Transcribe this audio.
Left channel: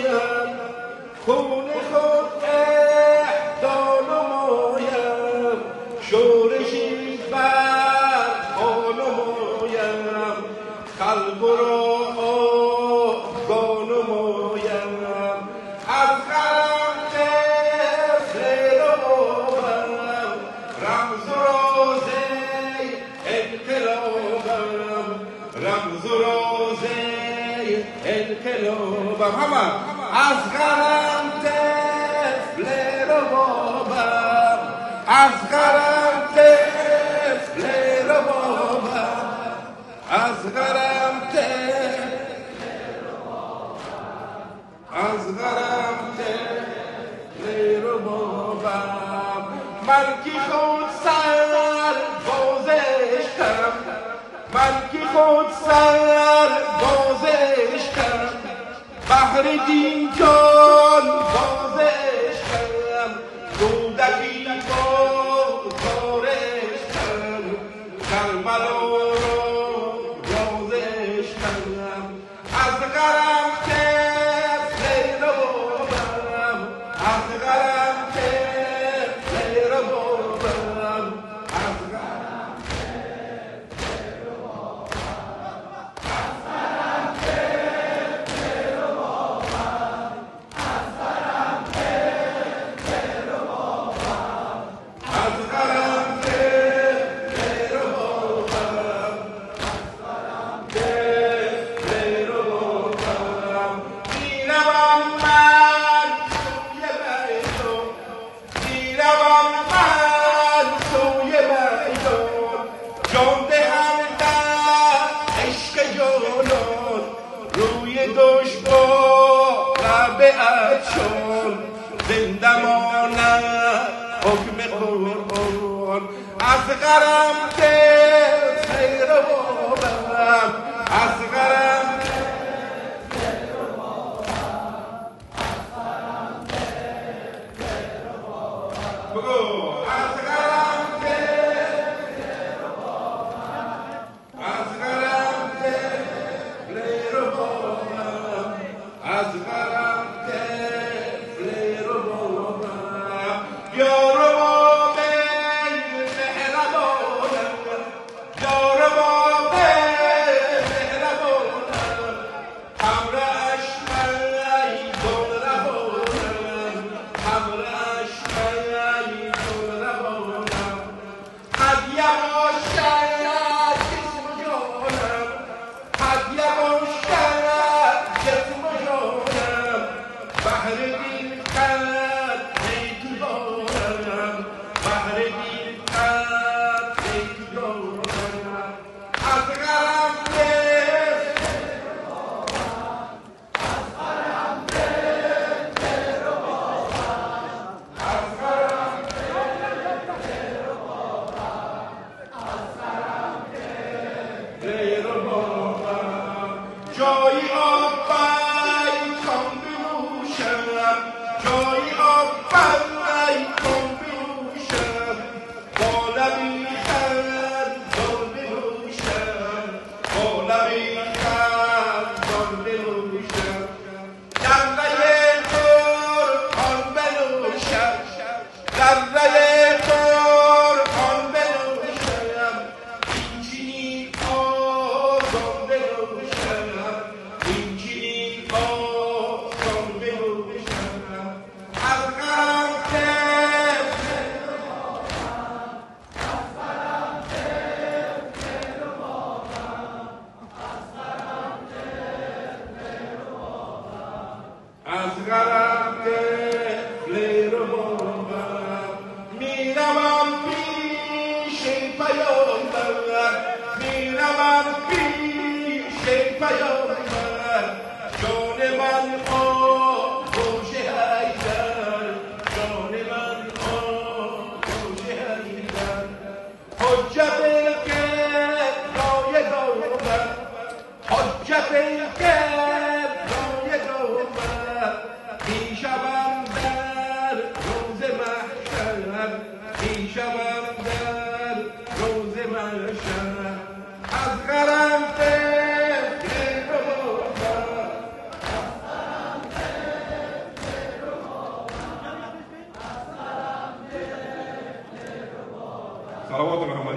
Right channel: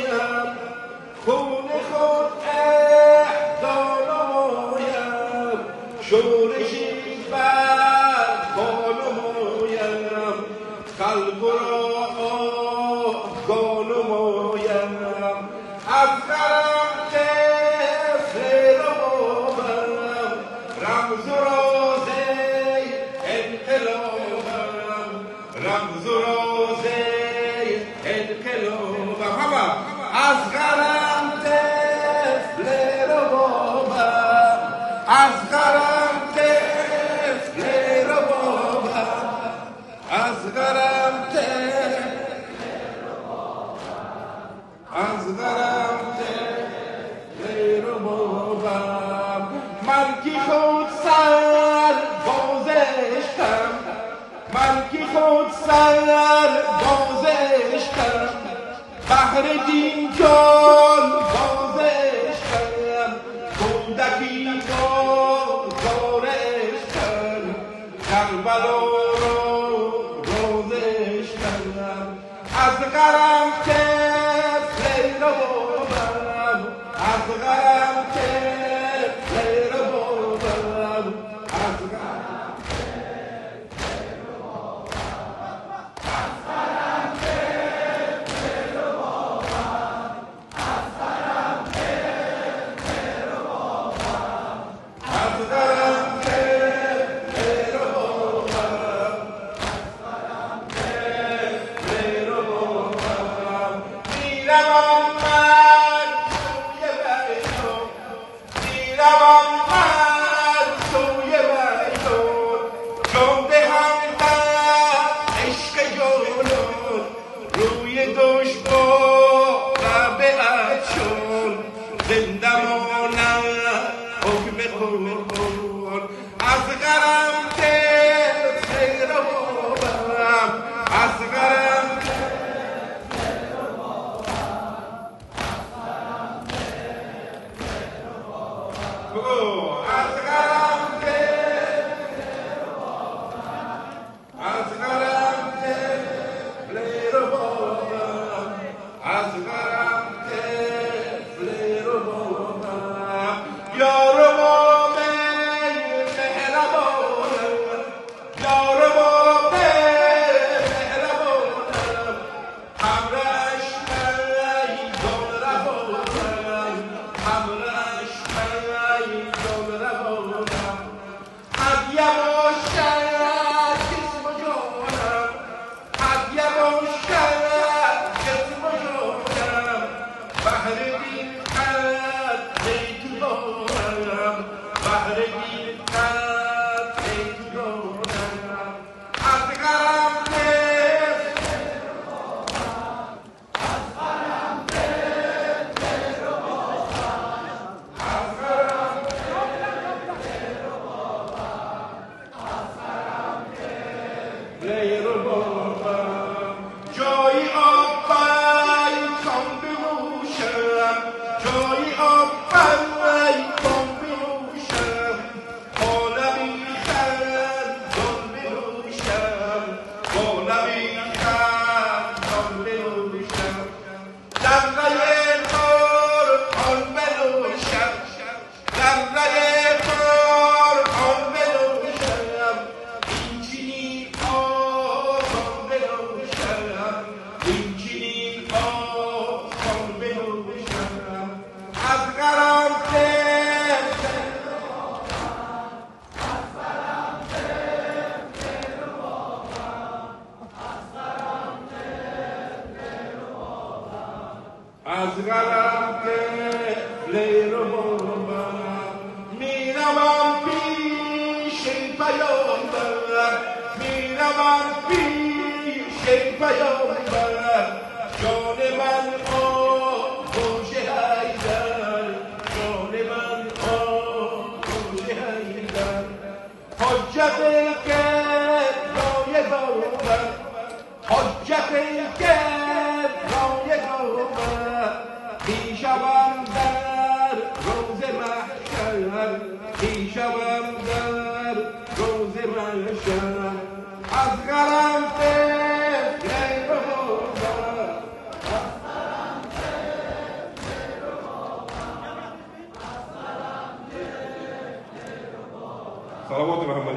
نمایم خون خود اهدا نمایم شورشی بر پا نمایم خلق را آگاه نمایم از غم طفل ربابم رمز و راز انقلابم رمز و راز انقلابم همه از غم طفل ربابم از غم طفل ربابم از غم طفل از غم طفل ربابم من کی خود سر بازشتم من کی خود سر بازشتم بهر دین جان بازشتم کودکی بازارشتم کربلا بازشتم از غم طفل ربابم از غم طفل ربابم از غم طفل ربابم از غم طفل ربابم از غم طفل ربابم از غم طفل ربابم از غم طفل ربابم میروم من سوی بیتون میروم من سوی بیتون جان دهم در عشق جانان روی دشت با لب افشان زنده ماند حکم قرآن از غم طفل ربابم از غم از غم از غم طفل ربابم از غم طفل ربابم یا رباب مهربانم یا رباب مهربانم همراهش من گل روانم همراهش من گل روانم هدیه باشد جسم و جانم هدیه باشد جسم و جانم بهر دین خط تو دارم بهر دین خط تو دارم از غم جای آفای کن بنوشم جای آفای کن بنوشم با لبی خندان بنوشم با لبی خندان بنوشم دمره قرآن بنوشم دمره قرآن بنوشم این چنین آسان بنوشم این چنین آسان بنوشم از غم طفل از غم طفل ربابم میروم پیش پیامبر میروم پیش پیامبر جان من آغوش حیدر جان من آغوش حیدر حجت گبرای گوبر حجت گبرای گوبر میشوم در روز محشر میشوم در روز محشر از غم طفل ربابم از غم طفل صلوات محمد